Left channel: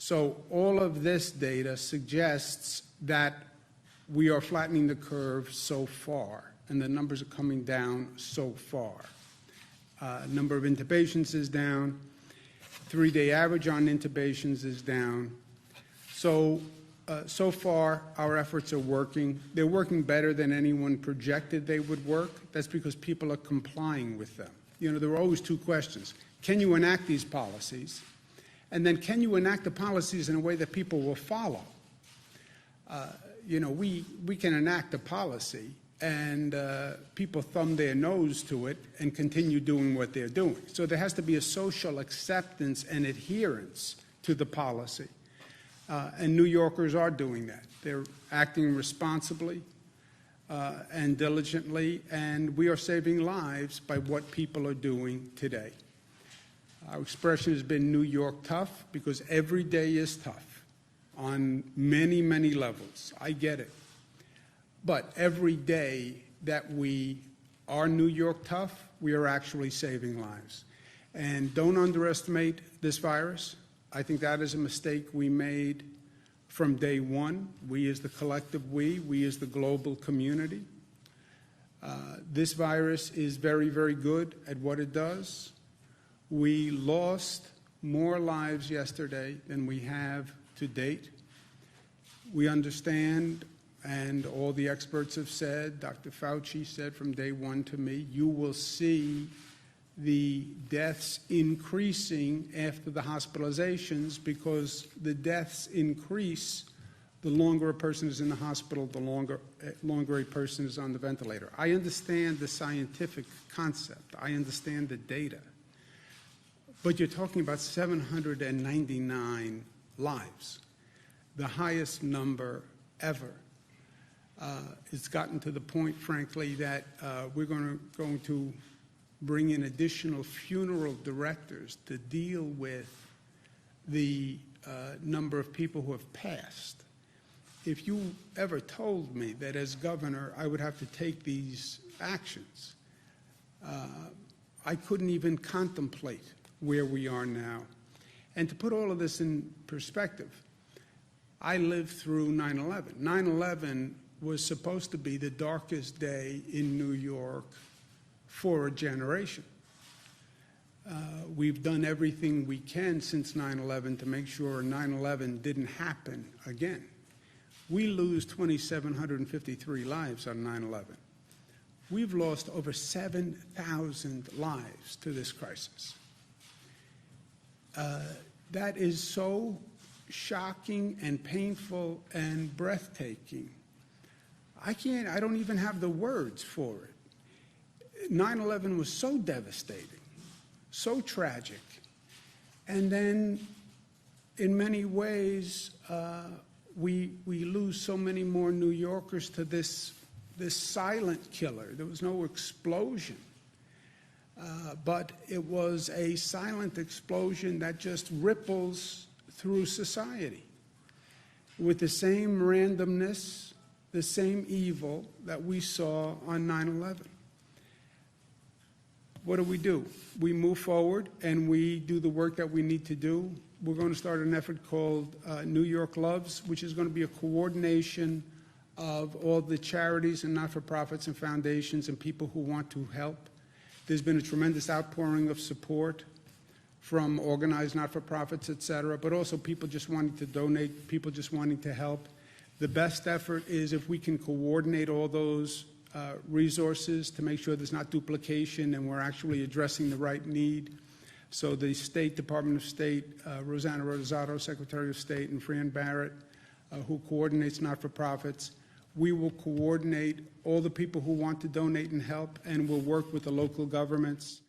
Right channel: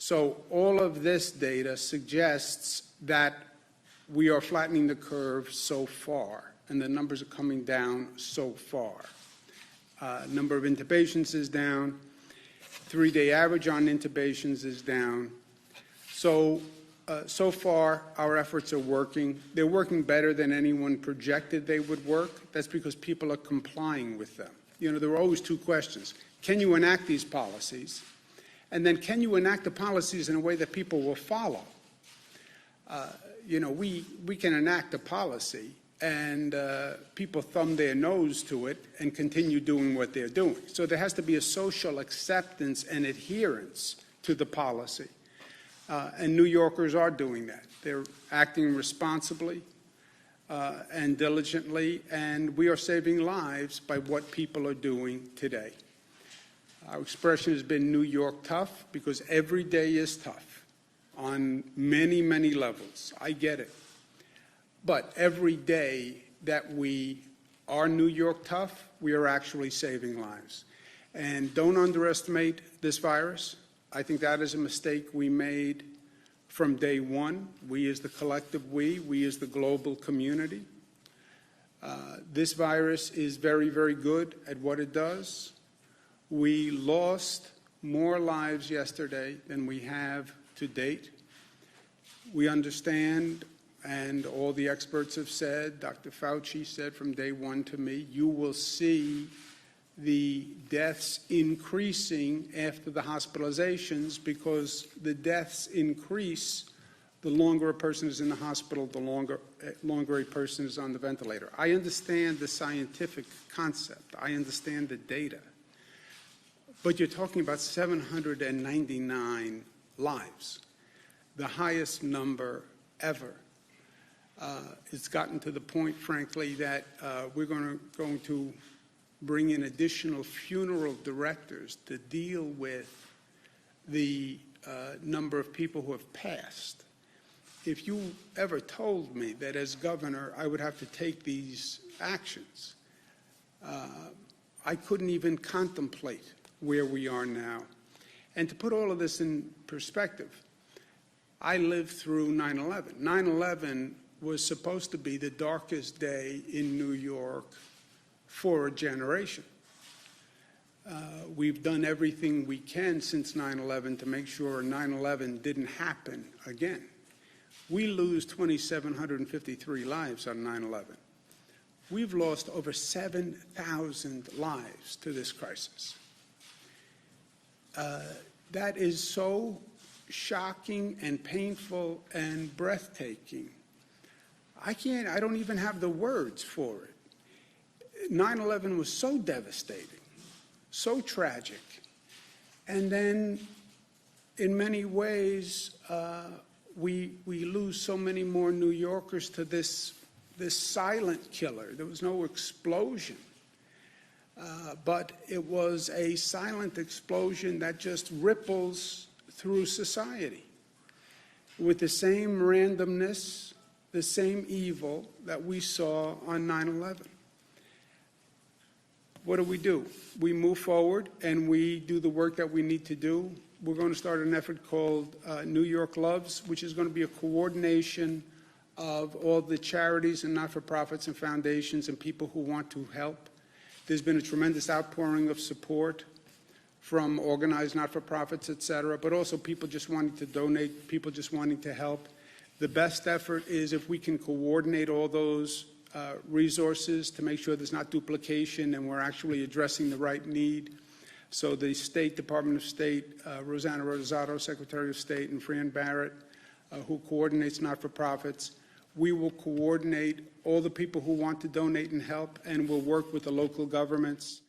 So all of this data suggests that we are flattening the curve so far, and the numbers are coming down so far. Number of intubations is down. 3-day average on intubations is down. So far, our efforts are working. They're working better than anyone projected they would work. That's because people are complying with them. You know, there are always two questions. Can you enact these policies? And then can you enact the policies in a way that people will follow? You know, we can enact a policy and people thumb their nose to it and continue doing what they're doing. So there has to be a social acceptance and adherence to the policy. And New Yorkers are doing that. They're acting responsibly and diligently, and we are saving lives by what people are doing today. Our expression has been New York tough because every day is tough on many, many levels. I get it. But every day that we are New York tough, we are actually saving lives. And don't underestimate this virus. I think that is a mistake we made from day one. We as the collective we as the global community. This virus is very, very good at what it does. We lost more lives yesterday than we have to date. We understand, and all the experts have said, Dr. Fauci said from day one to me, you will see the deaths increasing after the hospitalizations because the deaths increase the longer a person is in the hospital, the longer a person is on the ventilator. I understand the scientific concept. I understand the data. But you're talking about 799 lives, the highest number ever. It's gotten to the point, frankly, that we're going to bring in additional funeral directors to deal with the number of people who have passed. If you ever told me that as governor I would have to take these actions, I couldn't even contemplate where we are now. And to put all of this in perspective, I lived through 9/11. 9/11 was supposed to be the darkest day in New York for a generation. We've done everything we can since 9/11 to make sure 9/11 didn't happen again. We lose 2,753 lives on 9/11. We've lost over 7,000 lives to this crisis. That is so shocking and painful and breathtaking. I don't even have the words for it. 9/11 was so devastating, so tragic. And then in many ways, we lose so many more New Yorkers to this silent killer. There was no explosion. But it was a silent explosion that just ripples through society with the same randomness, the same evil that we saw on 9/11. What do? We move forward and we do the work that we need to do. We're going to start an effort called New York Loves, which is going to be a coordination of all the charities and not-for-profits and foundations and people who want to help. There's been a tremendous outpouring of support from organized not-for-profits, et cetera, but also people just wanting to donate, people just wanting to help. The best effort is if we can coordinate all those resources to make sure there's not duplication and we're actually addressing the right need. So the State Department of State, Rosanna Rosado, Secretary of State, and Fran Barrett, who coordinates not-for-profits, we will coordinate all the people who want to donate and help, and we'll work with the local governments.